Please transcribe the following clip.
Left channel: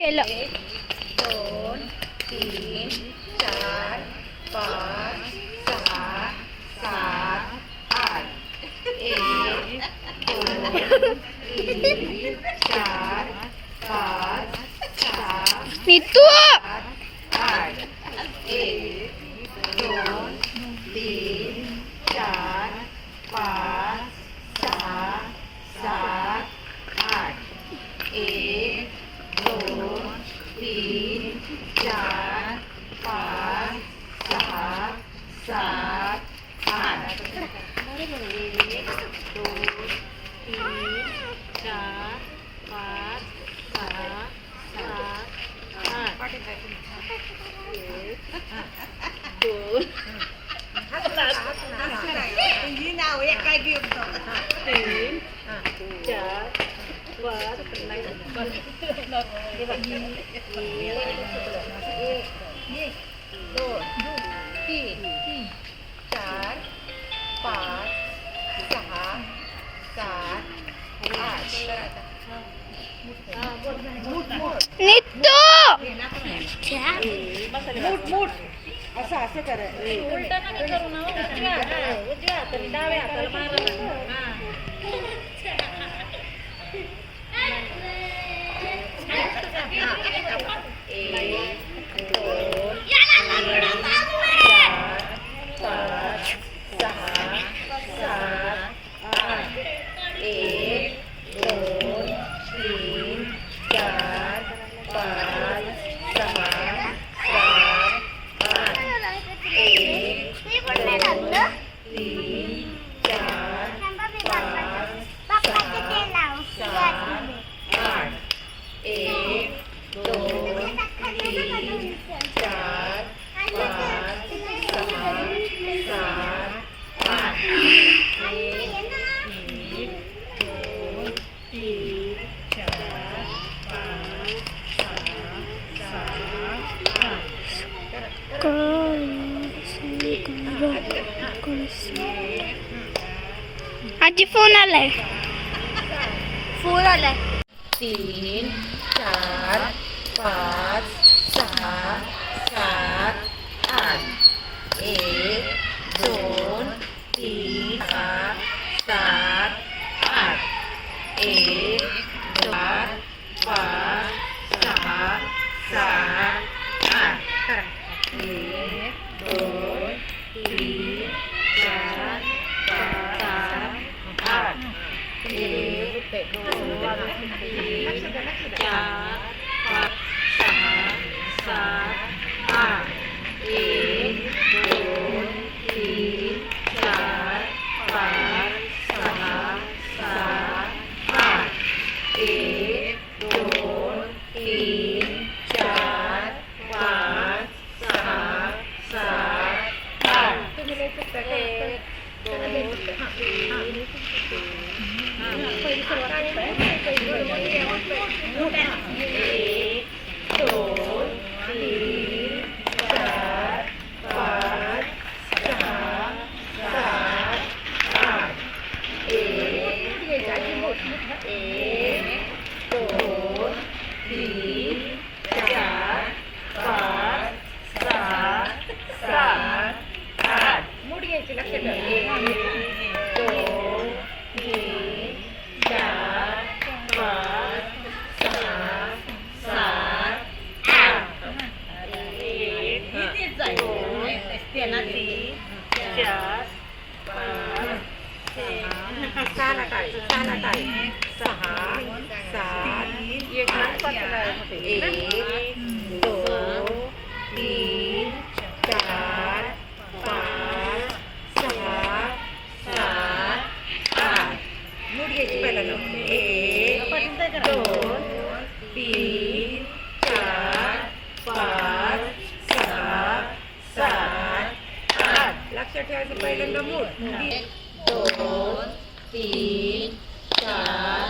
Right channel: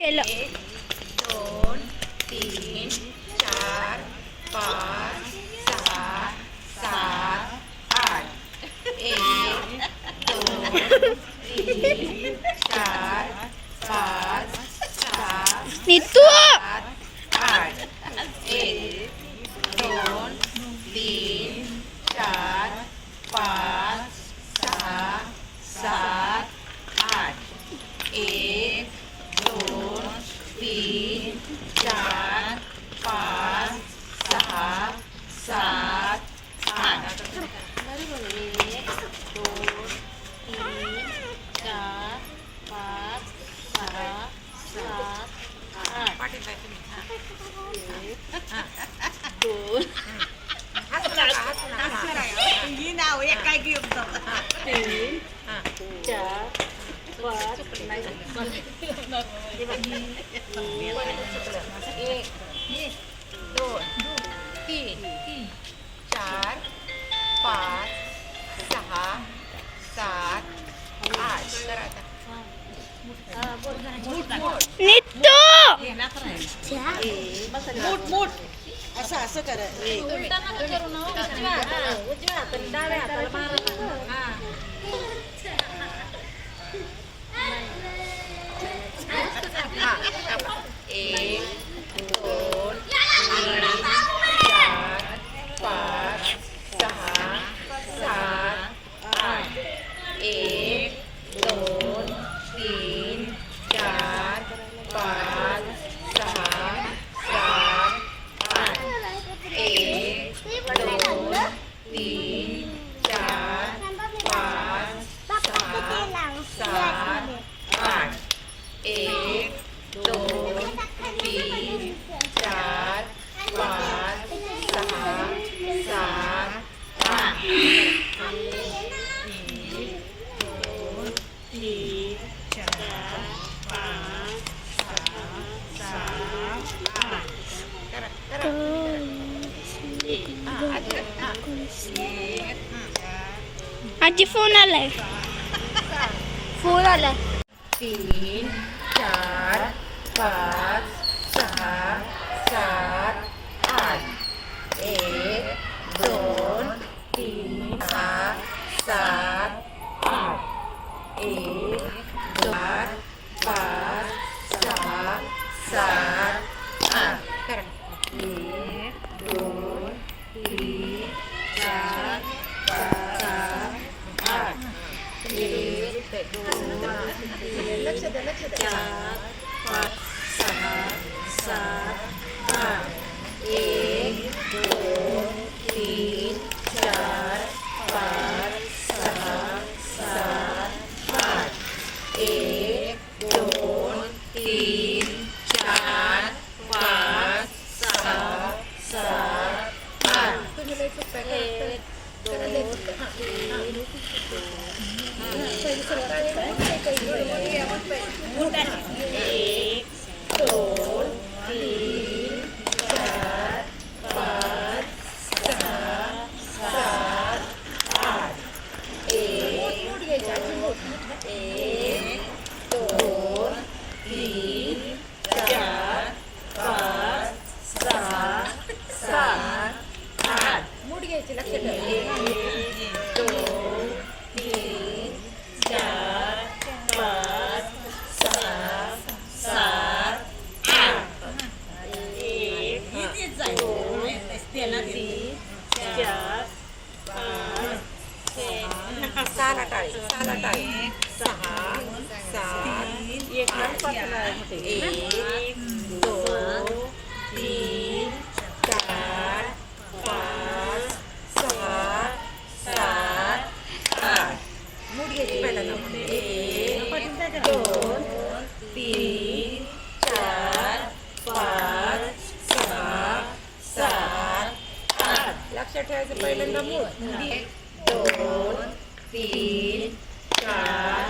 केलं. 1 2 3 4 5 6 7 8 1 2 3 4 5 6 नीतू 8 1 2 3 4 5 6 7 8 1 2 3 4 5 6 7 8 1 2 3 4 5 6 7 8 ही नाव एक काय घेऊन जाऊ 3 4 5 2 3 4 5 6 7 8 करा आता नीतू मूठ मूठ असं असं करा उलटा नका करू ना उजव्या हाताने डाव्या हाताला मारा एक दोन तीन चार पाच सहा सात आठ एक दोन तीन चार पाच सहा सात आठ एक दोन तीन चार पाच सहा सात आठ एक दोन तीन चार पाच सहा सात आठ दोन तीन चार पाच सहा सात आजी फोन आलाय. फोन आलाय. 3 4 5 6 7 8 1 2 3 6 7 8 1 2 5 6 7 8 करा 1 2 3 4 5 8 1 2 चार पाच सहा सात आठ एक दोन तीन चार पाच सहा सात आठ एक दोन तीन चार पाच सहा सात आठ एक दोन तीन चार पाच सहा सात आठ एक दोन तीन चार पाच सहा सात आठ मूठ घ्यायची लक्षात दोन तीन चार पाच सहा सात आठ एक दोन तीन चार पाच सहा सात एक दोन तीन चार पाच सहा सात आठ मूठ घ्यायची पहिल्यांदा एक दोन तीन चार पाच सहा सात आठ लक्षात ठेवायचं पहिल्यांदा मूठ एक दोन तीन चार